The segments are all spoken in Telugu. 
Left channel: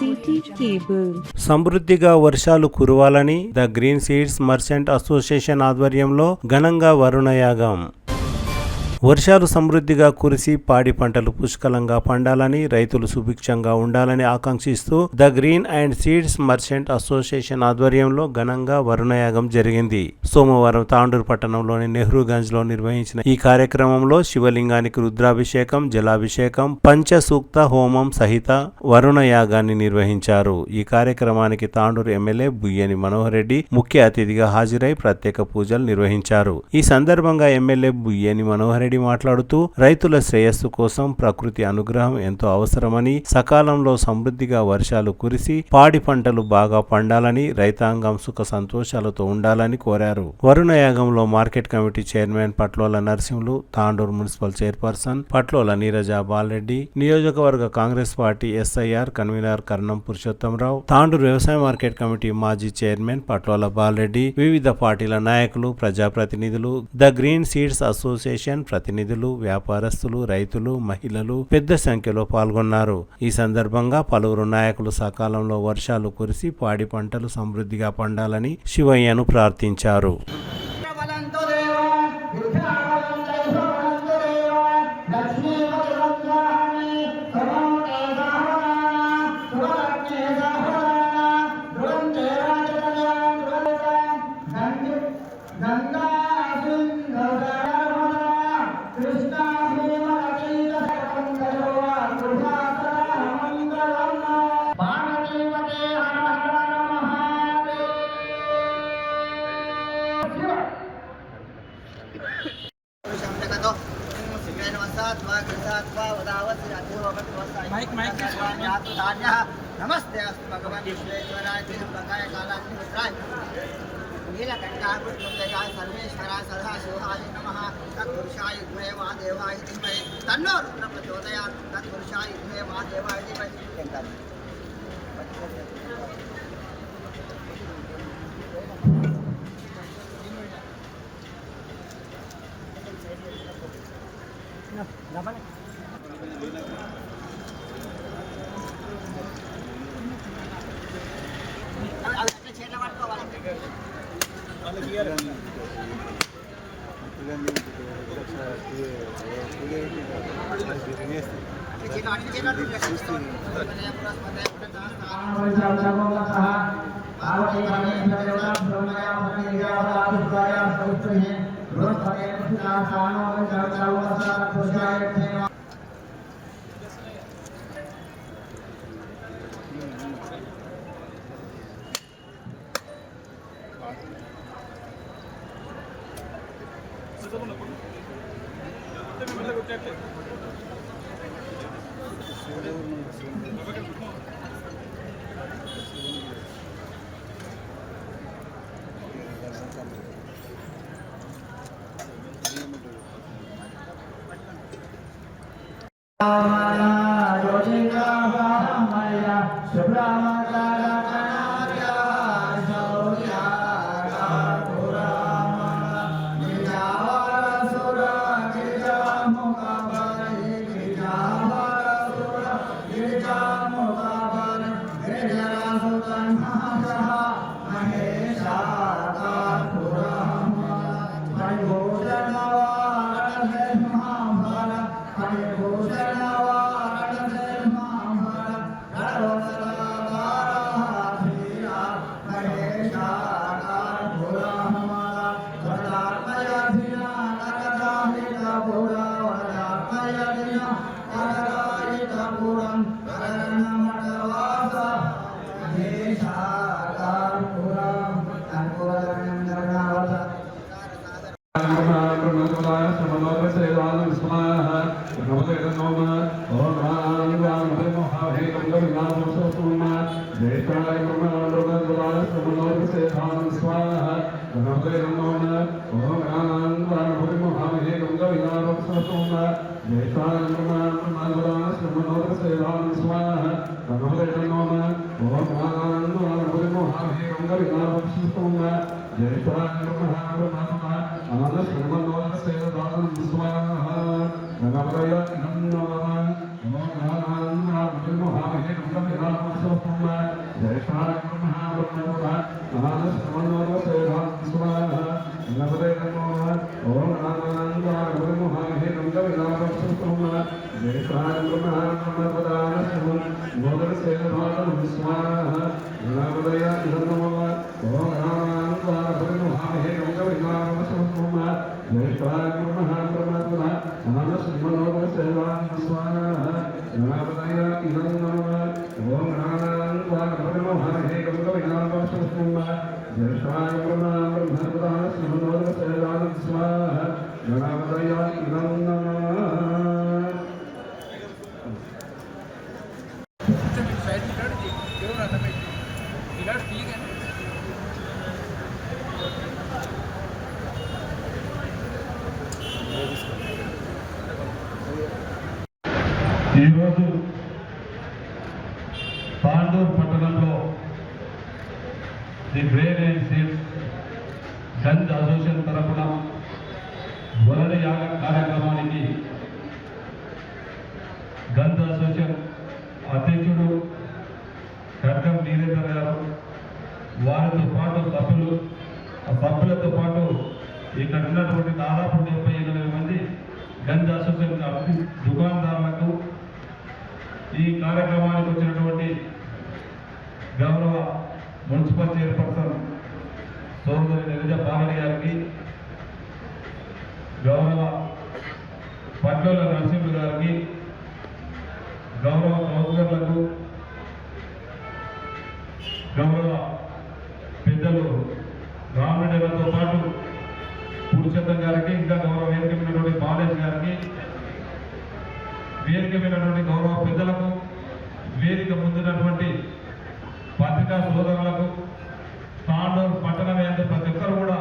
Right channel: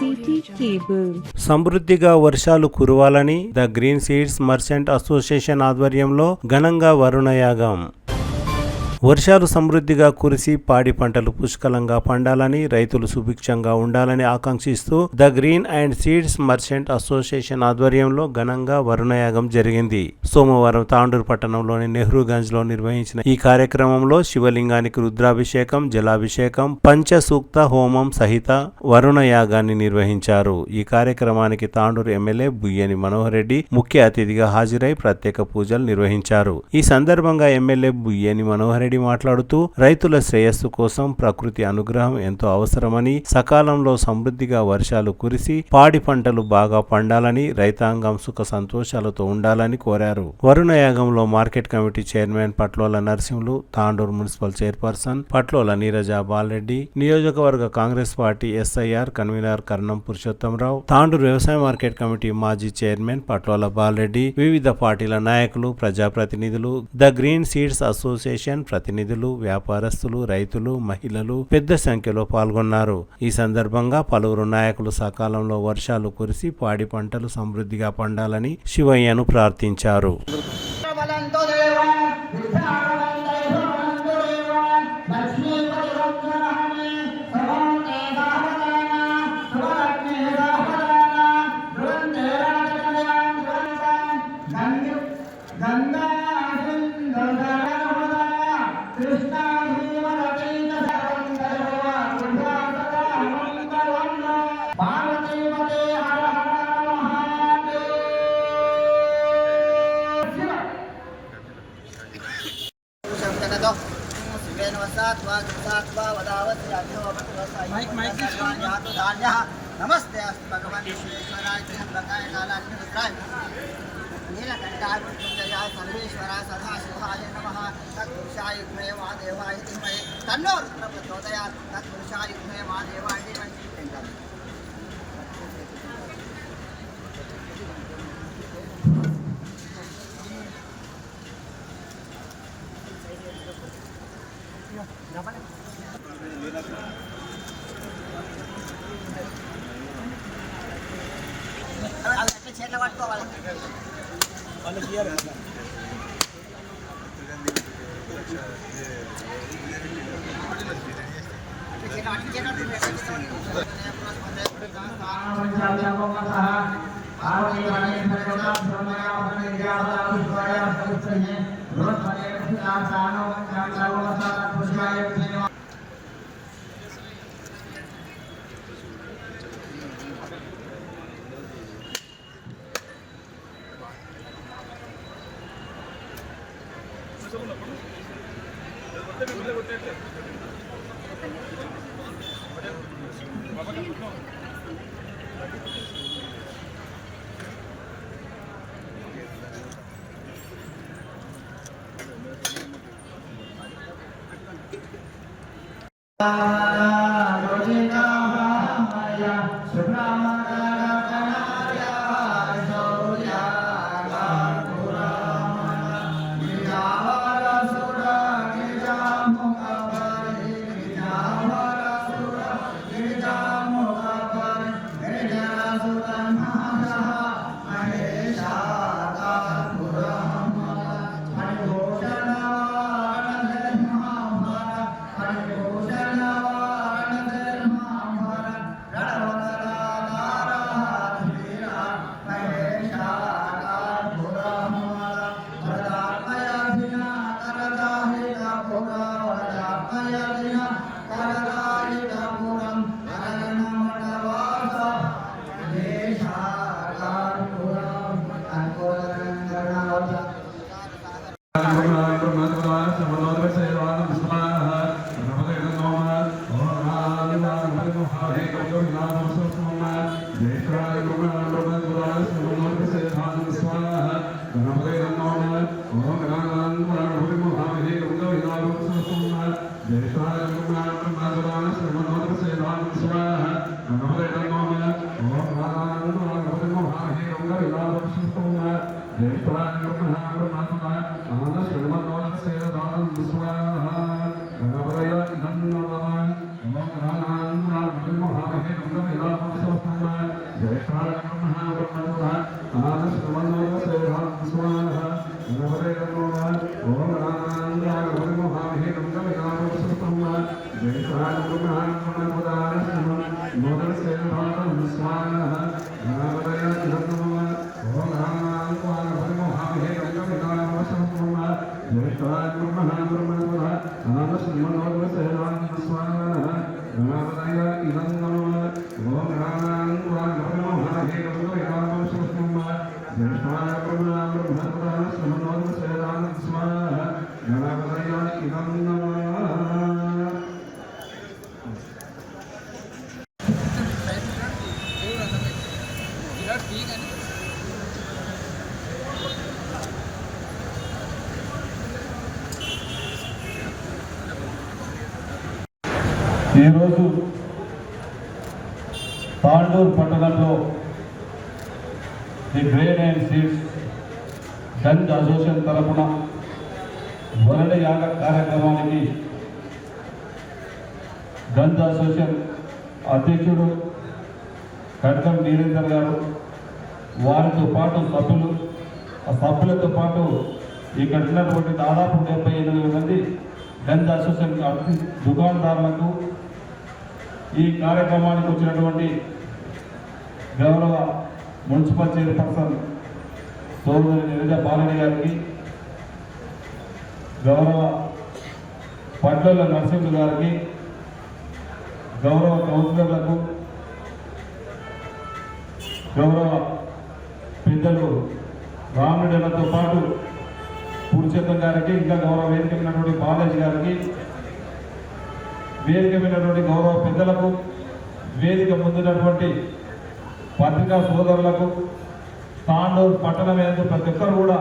City cable. సమృద్ధిగా వర్షాలు కురవాలని the green seeds merchant association ఆధ్వర్యంలో ఘనంగా వరుణయాగం. వర్షాలు సమృద్ధిగా కురిసి పాడి పంటలు పుష్కలంగా పండాలని, రైతులు సుభిక్షంగా ఉండాలని ఆకాంక్షిస్తూ the green and seeds merchant association ఆధ్వర్యంలో ఘనంగా వరుణయాగం జరిగింది. సోమవారం తాండూరు పట్టణంలోని నెహ్రూగంజ్ లో నిర్వహించిన ఈ కార్యక్రమంలో శివలింగానికి రుద్రాభిషేకం, జలాభిషేకం, పంచసూక్త హోమం సహిత వరుణయాగాన్ని నిర్వహించారు. ఈ కార్యక్రమానికి తాండూరు ఎమ్మెల్యే బుయ్యని మనోహర్ రెడ్డి ముఖ్య అతిథిగా హాజరై ప్రత్యేక పూజలు నిర్వహించారు. ఈ సందర్భంగా ఎమ్మెల్యే బుయ్యని మనోహర్ మాట్లాడుతూ రైతుల శ్రేయస్సు కోసం ప్రకృతి అనుగ్రహం ఎంతో అవసరమని, సకాలంలో సమృద్ధిగా వర్షాలు కురిసి పాడి పంటలు బాగా పండాలని, రైతాంగం సుఖ సంతోషాలతో ఉండాలని కోరారు. వరుణయాగంలో market committee chairman Patlola Narasimhulu, Tandur municipal chairperson Patlola Neeraja Balareddy, నియోజకవర్గ Congress party SIR convener Karnam Purushothamrao, Tandur వ్యవసాయ మార్కెట్ కమిటీ మాజీ చైర్మన్ పట్లోల బాలరెడ్డి, వివిధ పార్టీల నాయకులు, ప్రజాప్రతినిధులు, ద గ్రీన్ సీడ్స్ అసోసియేషన్ ప్రతినిధులు, వ్యాపారస్తులు, రైతులు, మహిళలు పెద్ద సంఖ్యలో పాల్గొన్నారు. ఈ సందర్భంగా పలువురు నాయకులు సకాలంలో వర్షాలు కురిసి పాడి పంటలు సమృద్ధిగా పండాలని శివయ్యను ప్రార్థించారు. नमस्ते अस्तु भगवान विश्वेश्वराय त्र्यंबकाय कालाग्निरुद्राय नीलकंठाय सर्वेश्वराय सदाशिवाय नमः। तत्पुरुषाय विद्महे महादेवाय धीमहि तन्नो रुद्र प्रचोदयात्। तत्पुरुषाय विद्महे महादेवाय धीमहि ఈరోజు తాండూరు పట్టణంలో the grain and seeds Ganj association తరఫున వరణ యాగ కార్యక్రమానికి గంజ్ అసోసియేషన్ అధ్యక్షుడు కట్కం వీరేందర్ గారు, వారితో పాటు సభ్యులతో పాటు ఇక్కడ ఉన్నటువంటి దాదాపు 78 మంది గంజ్ అసోసియేషన్ దుకాణదారులకు, ఈ కార్యక్రమానికి వచ్చినటువంటి గౌరవ మున్సిపల్ చైర్పర్సన్ సోదరి నిరజ పాలెని గారికి, గౌరవ పట్ల నరసింహులు గారికి, గౌరవ కౌన్సిలర్లకు, గౌరవ పెద్దలు రామరెడ్డిలతో పాటు పురుషోత్తం గారికి, ఇంకా గౌరవ వేదిక ఉన్నటువంటి బాలేజ్ గారికి, వేదిక విన్నటువంటి గౌరవ పెద్దలకు, వేదిక ముందున్నటువంటి పత్రికా సోదరులకు, తాండూరు పట్టణం యందు ప్రతి ఒక్కరు కూడా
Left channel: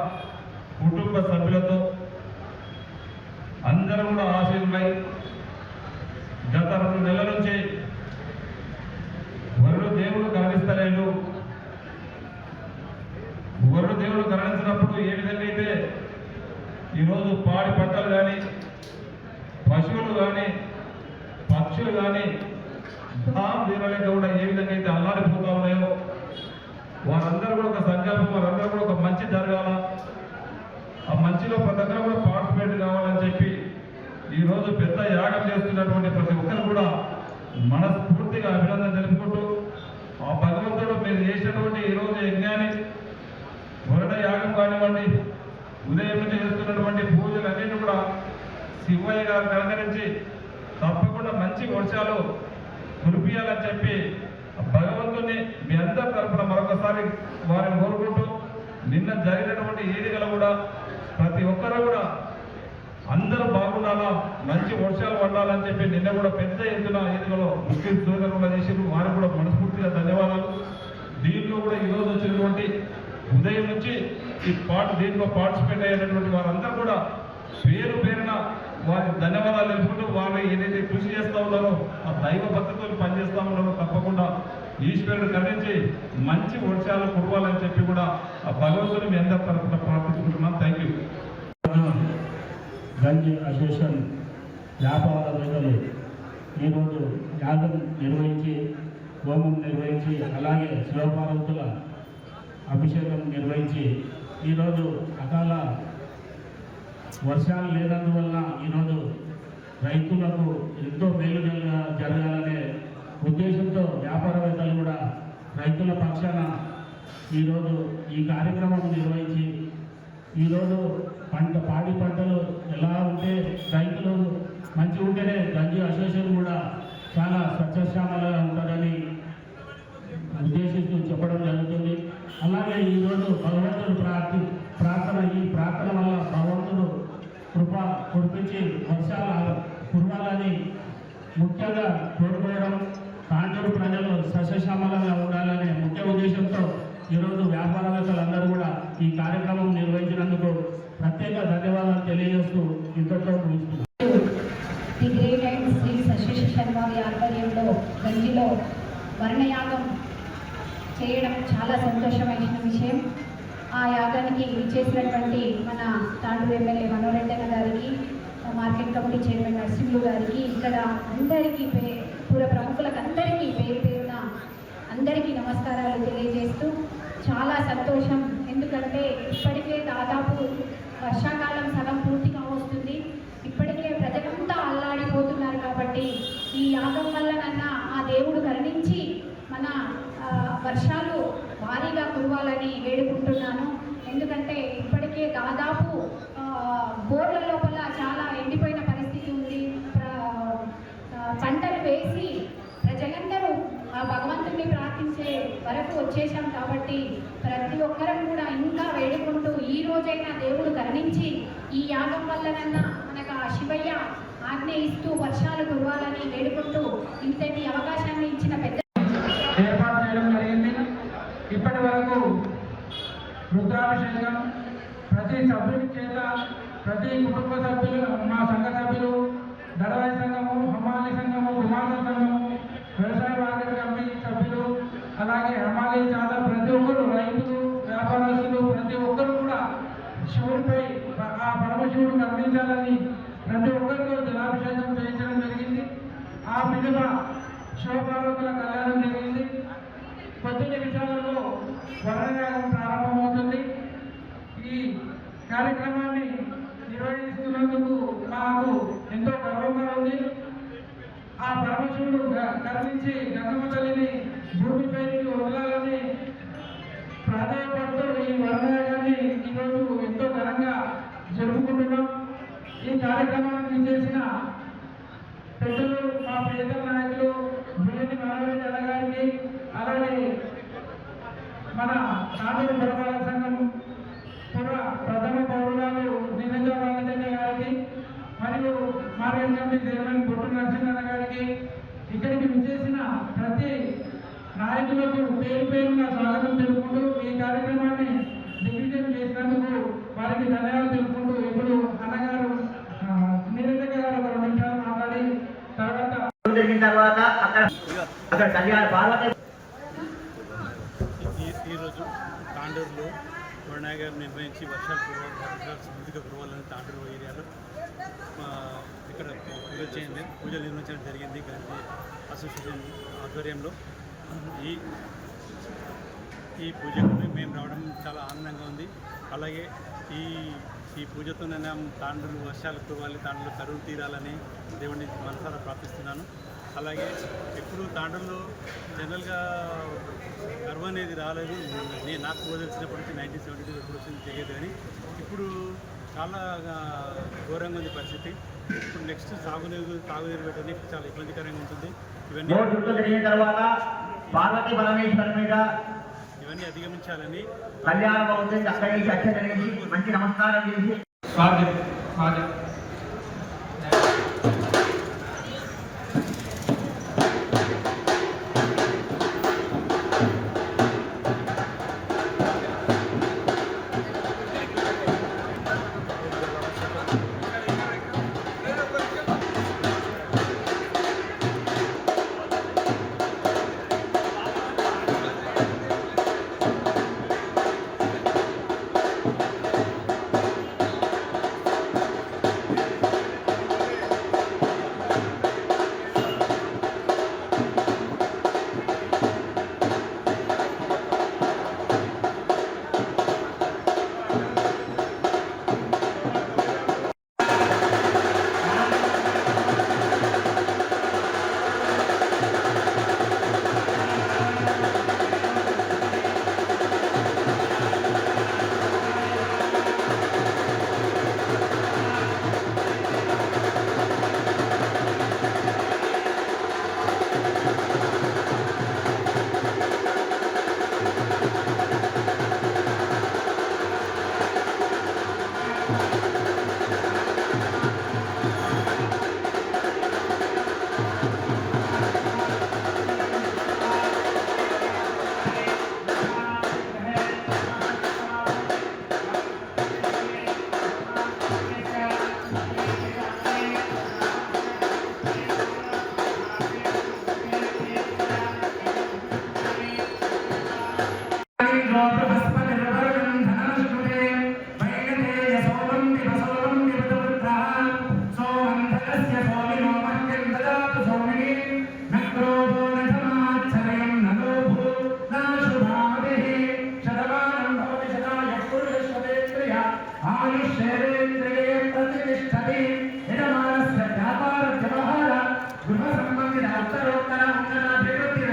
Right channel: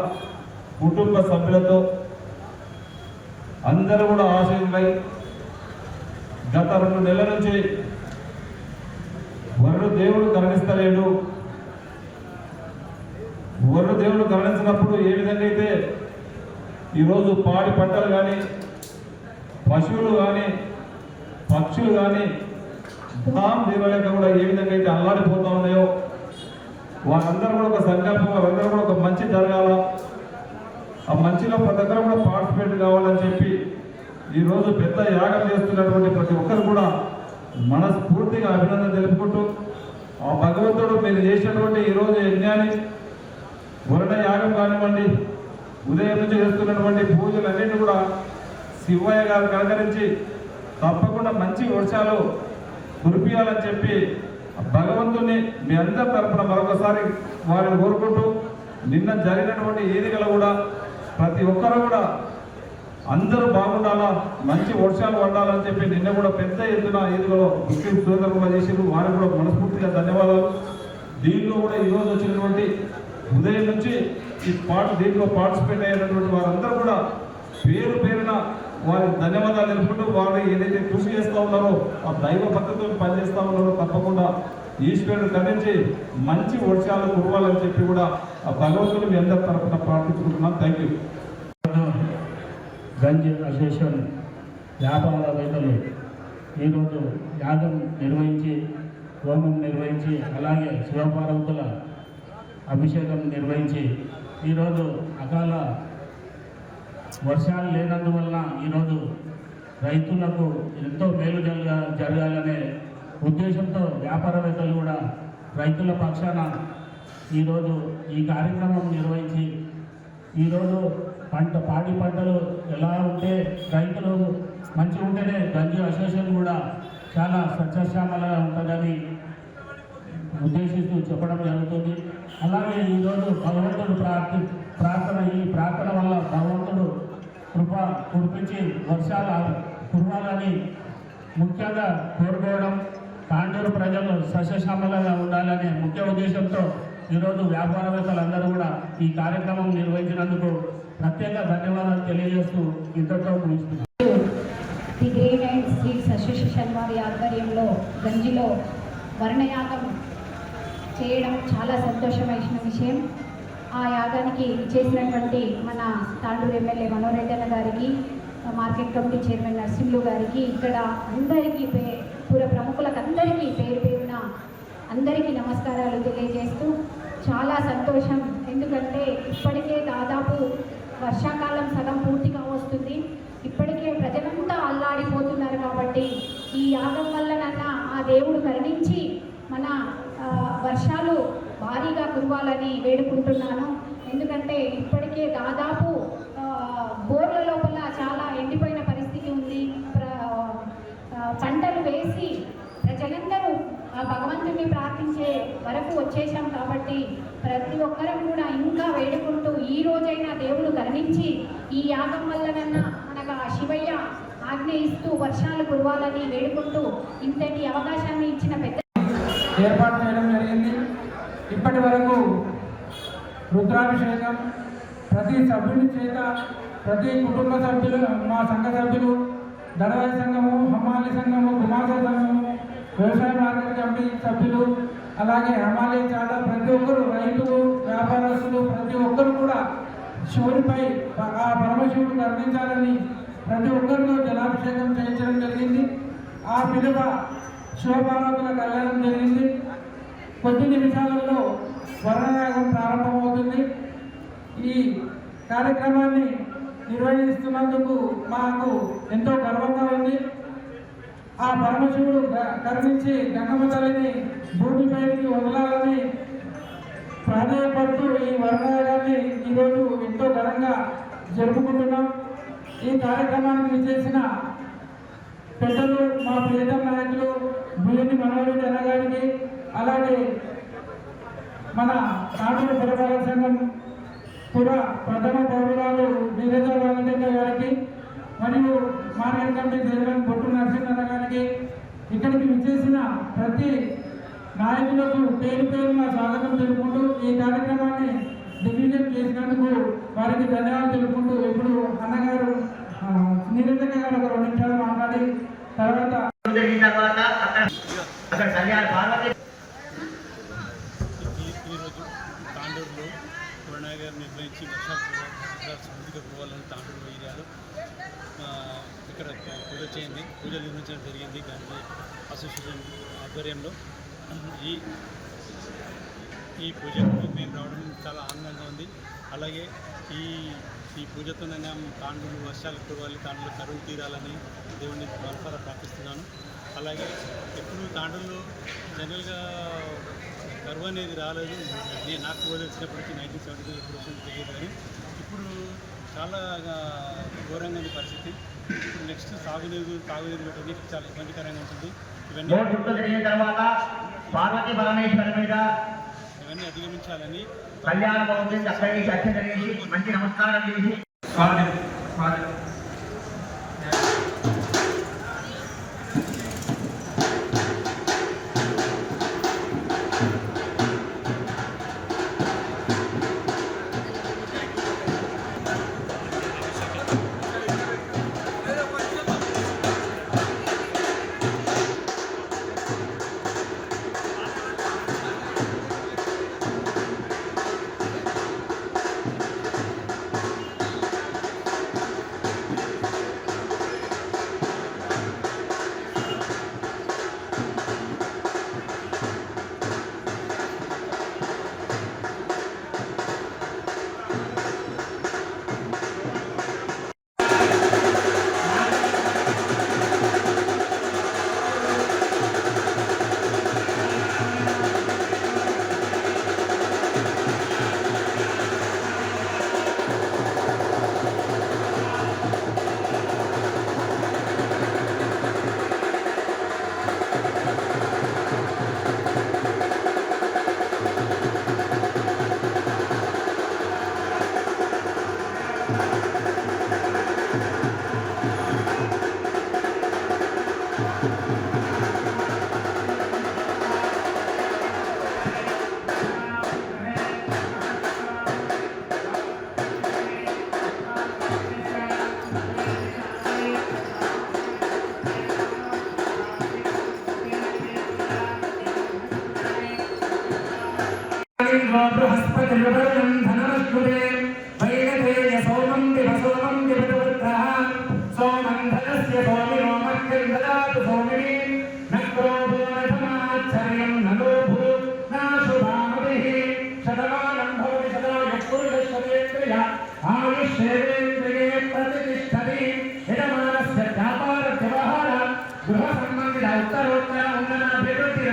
కుటుంబ సభ్యులతో అందరూ కూడా ఆశీర్వై గత 2 నెలల నుంచి వరుడు దేవుడు గమనిస్తలేడు. వరుడు దేవుడు గమనించినప్పుడు ఏ విధంగా అయితే ఈరోజు పాడి పంటలు కానీ, పశువులు కానీ, పక్షులు కానీ దాం తీరలేక కూడా ఏ విధంగా అయితే అల్లాడిపోతా ఉన్నాయో, వారందరూ కూడా ఒక సంకల్పం, వారందరూ కూడా ఒక మంచి జరగాల, ఆ మంచిలో ప్రతి ఒక్కరు కూడా పార్టిసిపేట్ కావాలని చెప్పి ఈరోజు పెద్ద యాగం చేస్తున్నటువంటి ప్రతి ఒక్కరు కూడా మనస్ఫూర్తిగా అభినందన తెలుపుకుంటూ, ఆ భగవంతుడు మీరు చేసినటువంటి ఈరోజు యజ్ఞాన్ని, వరుణ యాగం కానివ్వండి, ఉదయం నుంచి చేస్తున్నటువంటి పూజలు అన్నింటినీ కూడా శివయ్య గారు కలకరించి తప్పకుండా మంచి వర్షాలు కురిపియాలని చెప్పి భగవంతుని మీ అందరి తరఫున మరొకసారి వారిని కోరుకుంటూ, నిన్న జరిగినటువంటి వేదికలో కూడా ప్రతి ఒక్కరు కూడా అందరూ బాగుండాలా, మంచి వర్షాలు పడాలని చెప్పి నిన్న కూడా పెద్ద ఎత్తున వేదికలో ముస్లిం సోదరులు చేసిరు, వారికి కూడా మనస్ఫూర్తిగా ధన్యవాదాలు. దీంట్లో కూడా ఈరోజు వచ్చినటువంటి ఉదయం నుంచి దీంట్లో పార్టిసిపేట్ అయినటువంటి వారందరూ కూడా పేరు పేరున వారికి ధన్యవాదాలు తెలుపుకుంటూ, వారు ఏదైతే కృషి చేస్తూ ఉన్నారో ఆ దైవ భక్తితో పనిచేస్తూ ఉన్నారో తప్పకుండా ఈశ్వరుడు ఖండించి మంచి వర్షాలు కురవాలని చెప్పి కూడా ఆ భగవంతుని మీ అందరి తరఫున ప్రార్థించుకుంటున్నాం. Thank you. గంజ్ అసోసియేషన్ వ్యాపారవేత్తలు ఈరోజు యాగం నిర్వహించి, హోమం నిర్వహించి, అలాగే శివపార్వతుల అభిషేకం నిర్వహించి, ఈరోజు అకాల వర్షాలు లేనందువలన ఈరోజు రైతులకు ఎంతో మేలు జరగాలనే ఉద్దేశంతో వ్యాపారవేత్తలు కూడా రైతుల పక్షాన ఈరోజు ఈ కార్యక్రమం నిర్వహించి, ఈరోజు పాడి పంటలు ఎలా ఉంటే రైతులు మంచిగా ఉంటేనే గంజ్ అసోసియేషన్ కూడా చాలా సస్యశ్యామలంగా ఉంటుందని ఉద్దేశిస్తూ చెప్పడం జరుగుతుంది. అలాగే ఈరోజు భగవంతుడు ప్రార్థన, ఈ ప్రార్థన వల్ల భగవంతుడు కృప కురిపించి వర్షాలు కురవాలని ముఖ్యంగా కోరుకోవడం, తాండూరు ప్రజలు సస్యశ్యామలంగా ఉండాలనే ముఖ్య ఉద్దేశంతో ఈరోజు వ్యాపారవేత్తలందరూ కూడా ఈ కార్యక్రమం నిర్వహించినందుకు ప్రత్యేక ధన్యవాదాలు తెలియజేస్తూ ఇంతతో ముగిస్తున్నాను. The grain and seeds association వారి ఆధ్వర్యంలో గంజిలో వర్ణయాగం చేయడం చాలా సంతోషమైన విషయం. ఆ యాగానికి చేసినటువంటి మన తాండూరు ఎమ్మెల్యే మనోరెడ్డి గారికి, మార్కెట్ కమిటీ చైర్మన్ నరసింహులు గారికి, ఇక్కడ అందరికీ పూర ప్రముఖులకు అందరికీ పేరు పేరున అందరికీ నమస్కారాలు తెలియజేస్తూ చాలా సంతోషం. ఎందుకంటే ఇప్పటికే దాదాపు వర్షాకాలం సగం పూర్తిగా వస్తుంది. ఇప్పటికే ప్రజలంతా అల్లాడిపోతున్నారు. కాబట్టి ఈ యాగం వల్లనన్నా ఆ దేవుడు కరుణించి మన వర్షాలు భారీగా కురవాలని వేడుకుంటున్నాను. ఎందుకంటే ఇప్పటికే దాదాపు బోర్ల లోపల చాలా ఎండిపోయిన పరిస్థితి ఉంది. పంటలు వేసి ప్రజలందరూ భగవంతుని ప్రార్థించే వరకు వచ్చేసాం కాబట్టి ప్రతి ఒక్కరం కూడా ఇంకా వేడుకుంటూ ఈ రోజైనా దేవుడు కరుణించి ఈ యాగం వల్లనన్నా మనకు ఆ శివయ్య ఆజ్ఞ ఇస్తూ వర్షాలు కురవాలని వేడుకుంటూ ఇంతటి అవకాశాన్ని ఇచ్చిన పెద్ద ఏర్పాటు చేయడం జరిగింది. ఇప్పటి వరకు రుద్రాభిషేకం ప్రతి సభ్యుని చేత, ప్రతి కుటుంబ సభ్యులు, మా సంఘ సభ్యులు, దళవాయి సంఘము, హమాలి సంఘము, గుమాస సంఘము, వ్యవసాయ మార్కెట్ కమిటీ సభ్యులు, అలాగే హమాలి చాలా ప్రతి ఒక్కరు, రైతులు, వ్యాపారస్తులు, ప్రతి ఒక్కరు కూడా శివుడిపై ఆ పరమశివుడు కరుణించాలని ప్రతి ఒక్కరితో జలాభిషేకం చేయించడం జరిగింది. ఆ పిలువ శివపార్వతుల కళ్యాణం జరిగింది. కొద్ది నిమిషాలలో వర్ణయాగం ప్రారంభమవుతుంది. ఈ కార్యక్రమాన్ని నిర్వహిస్తున్నందుకు మాకు ఎంతో గర్వంగా ఉంది. ఆ పరమశివుడు కరుణించి గంగమ్మ తల్లిని భూమిపైకి వదలాలని ప్రాధాన్యపడుతూ ఈ వర్ణయాగాన్ని ఈరోజు ఎంతో ఘనంగా జరుపుకుంటున్నాం. ఈ కార్యక్రమానికి చేసిన పెద్దలు, మా ప్రియతమ నాయకులు భూమి మనోహరి అనగారికి, అలాగే మన తాండూరు పురపాలక సంఘం ప్రథమ పౌరురాలు నీరజ వెంకటయ్య గారికి, మరియు మార్కెట్ కమిటీ చైర్మన్ బొట్టు నరసింహన్న గారికి, ఇక్కడికి విచ్చేసిన ప్రతి నాయకులకు పేరు పేరున స్వాగతం తెలుపుకుంటూ ఈ కార్యక్రమాన్ని దిగ్విజయం చేసినందుకు వారికి ధన్యవాదాలు తెలుపుకుంటూ, ఇప్పుడు అన్నగారు నీరజ గారు ఒక 2 నిమిషాలు మాట్లాడి తర్వాత ఈరోజు తాండూరులో కొరణాయ గారు నిర్వహించి వర్షాలు సమృద్ధిగా కురవాలని తాండూరు ఏరియాలో ఇక్కడ పూజలు నిర్వహించడం జరిగింది. గాంధీ అసోసియేషన్ ఆధ్వర్యంలో ఈ పూజకు మేము రావడం చాలా ఆనందంగా ఉంది. అలాగే ఈ పూజతోనైనా తాండూరు వర్షాలు కురవాలి, తాండూరు కరువు తీరాలని దేవుడిని మనసారా ప్రార్థిస్తున్నాను. అలాగే ఎప్పుడు తాండూరులో జనరల్గా కరువు అనేది రాలేదు. నాకు తెలిసినప్పటి నుంచి 1972 ఎప్పుడు వచ్చింది తెలియదు, కానీ ఇప్పుడు చాలా ఘోరంగా ఉంది పరిస్థితి. ఇప్పుడు నెక్స్ట్ తాగునీరు పెట్టడానికి చాలా ఇబ్బందికరంగా ఉంటుంది. ఇవన్నీ అధిగమించాలని గృహ సంబంధిత ఉత్తరోత్తర ఉందనాభివృద్ధి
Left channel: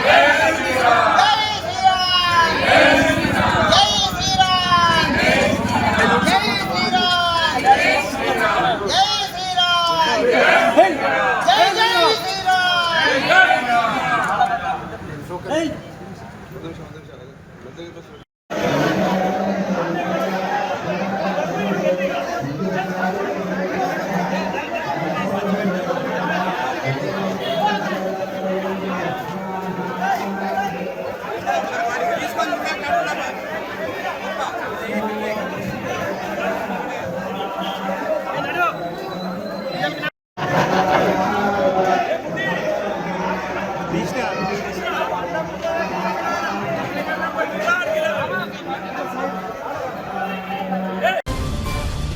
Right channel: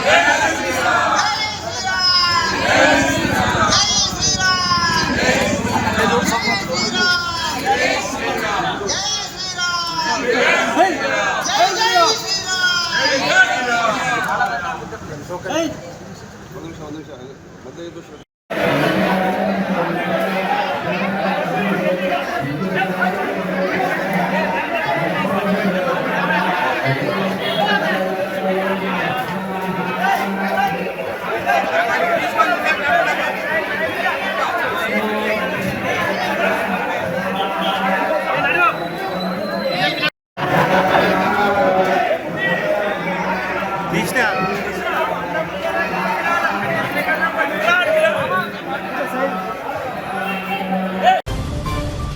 జై